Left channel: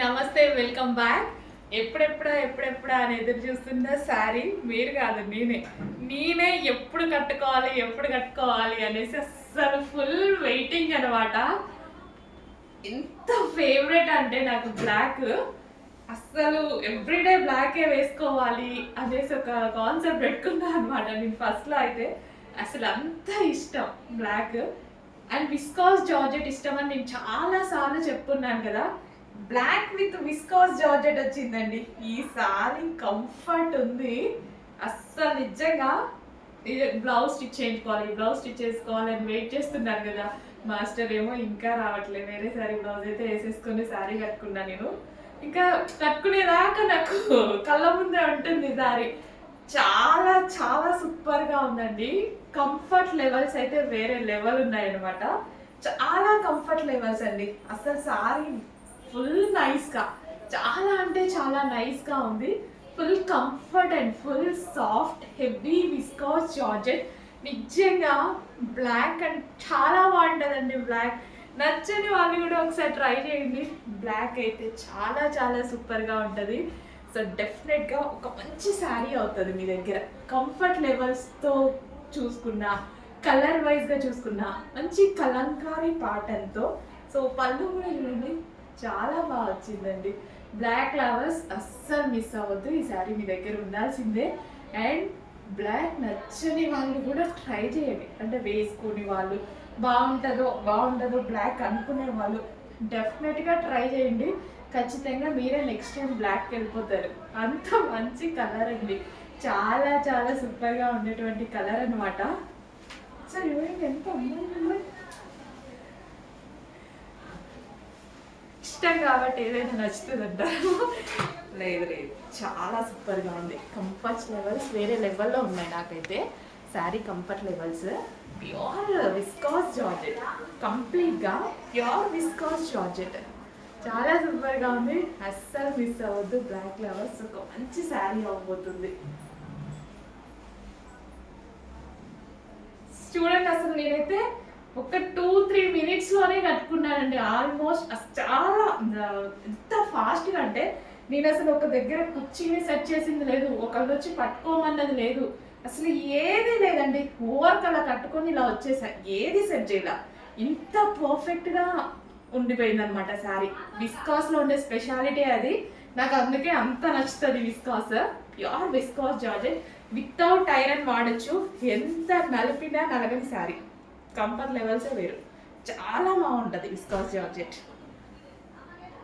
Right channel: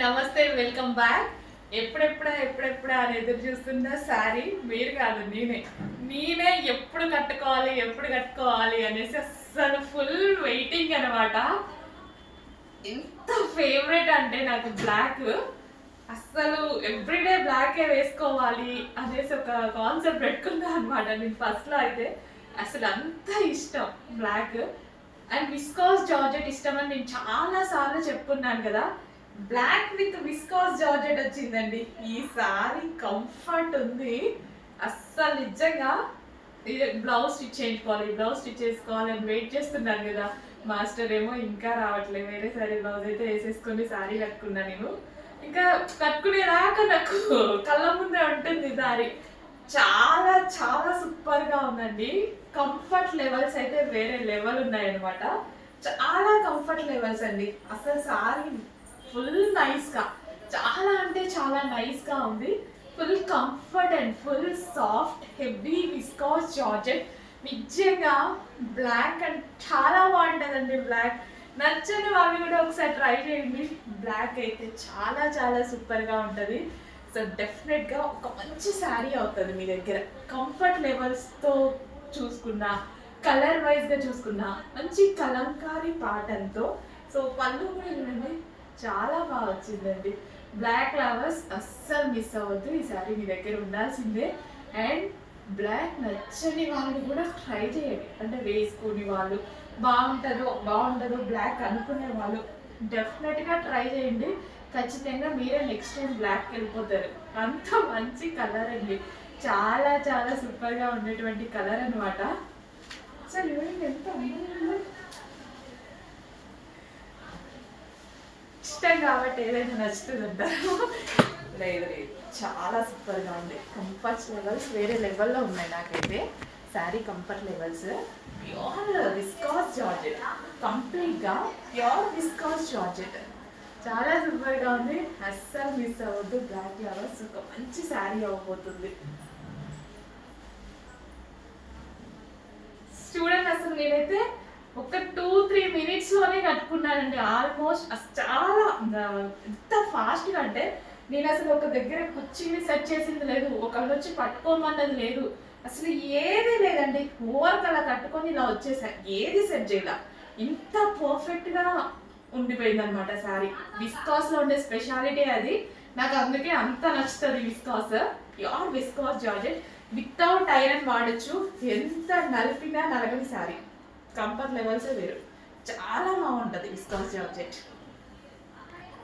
నమస్తే, welcome back. ఎప్పుడెప్పుడా అని ఎదురు చూస్తున్న శారీ మీరు కాదు, నేనే ఎప్పుడు కట్టుకోవాలి అనేసి అస్సలు ఫుల్ వెయిటింగ్ అనమాట. ఎంత ఫేవరెట్ అంటే నాకు బ్లాక్, అస్సలు ఎవ్రీడే బ్లాకే వేసుకోవాలి అనేసి ఒక కాన్సెప్ట్ పెట్టుకున్నా అనమాట. నేను ఫస్ట్లో అయితే అసలు అంత ఇష్టం బ్లాక్ అండ్ విస్కాస్ జార్జెట్ ఇష్టం అని నేను చాలా సార్లు చెప్పుకున్నాను కదా. బ్లాక్ విత్ విస్కాస్ జార్జెట్ వచ్చిందండి. ఈ సారీ కంఫర్ట్ ఉంది అస్సలు. నిజంగా బ్లౌజ్ స్టిచ్ చేసుకోవాలని వెయిట్ చేస్తున్నాను కదా. మాస్టర్ ఏమో ఇంకా రావట్లేదు. వేరే సారీ బ్లౌజ్ అయితే వేసేసుకొని సారీ కట్టుకున్నా. నేను ఇంకా కట్టుకునేదాకా నాకు కళ్ళ ముందే ఉంటుంది సారీ. చాలా చాలా సూపర్గా ఉందండి. కంఫర్ట్ లెవెల్స్ అయితే వేరే లెవెల్ ఉన్నాయన్నమాట. చాలా కంఫర్ట్ లెవెల్స్ అండి. అసలు సారీ ఫుల్ నైస్గా, చాలా అంటే చాలా నైస్గా ఉంది. Full comfort and full soft heavy viscous georgette. నిజంగా బ్లాక్ అండ్ చాలా బాగుంటుందండి. బ్లాక్ నచ్చని వాళ్ళు కూడా ఒకసారి ట్రై చేయండి. బ్లాక్ అయితే చాలా చాలా సూపర్గా ఉంటుంది. సో డెఫినెట్గా ఒక మంచి శారీ అవుతుంది మీ దగ్గర. కంఫర్ట్ లెవెల్స్తో చూసుకున్నా, కలర్ వైజ్గా చూసుకున్నా, మంచి కలంకారీ ప్యాటర్న్తో. సో పళ్ళు కూడా చూడండి చాలా బాగా వచ్చిందండి. బ్లాక్ ఫ్లవర్స్ అస్సలు మిస్ అవ్వద్దు. ఈ శారీ మీ దగ్గర ఉండాల్సిందే. అండ్ బ్లాక్ నచ్చని వాళ్ళు కూడా ట్రై చేయండి. అంటే వేసుకుని వాళ్ళు బాగుంటుందో బ్లాక్ అనుకునే వాళ్ళు డెఫినెట్గా ట్రై చేయండి. ఖచ్చితంగా మీరే నెక్స్ట్ టైం బ్లాక్కి వెళ్ళిపోతారు. అంత మంచి కలర్ అండి. చాలా చాలా సూపర్గా ఉండేటువంటి కలర్ అనమాట. సో చూడండి ఎంత ఇష్టం కాబట్టి ఏదైనా నచ్చుతుంది అంటారు. లేదు, చాలా సూపర్గా ఉంది. కంఫర్ట్ లెవెల్స్ వేరే లెవెల్లో ఉన్నాయి నాకైతే. Sari comfort levels pure viscous georgette, కంప్లీట్గా ప్యూర్ విస్కాస్ జార్జెట్. చాలా సూపర్గా ఉంది. అస్సలు మిస్ అవ్వద్దు. బ్లాక్ ఫ్లవర్స్ ఒక మంచి శారీ అవ్వబోతుంది. చూడండి, అసలు నేనైతే ఒక 2-3 మినిట్స్లోనే కట్టుకున్నానండి ఆల్మోస్ట్. చాలా ఎంత ఫాస్ట్గా అంటే నేను అసలు ఒక దగ్గర కుర్చీని సెట్ చేసింది లేదు, ఒకళ్ళు వచ్చి పట్టుకోమన్నది లేదు, అసలు ఏది లేదండి. ఓవర్కి అలా కట్టుకొని ఇలా వచ్చేసా, ఏది సెట్ చేయాల. ఇంత పర్ఫెక్ట్గా ఉండిపోయింది అనమాట శారీ. విస్కాస్లో ఉండే స్పెషాలిటీ అది. నాకు అందుకే అంత నచ్చుతుంది viscous. Pure viscous georgette without iron వాడచ్చు. ఎంత నలిపినా నలగని శారీ. కంఫర్ట్ లెవెల్సే వేరు. చాలా బాగుంటుంది విస్కాస్ జార్జెట్.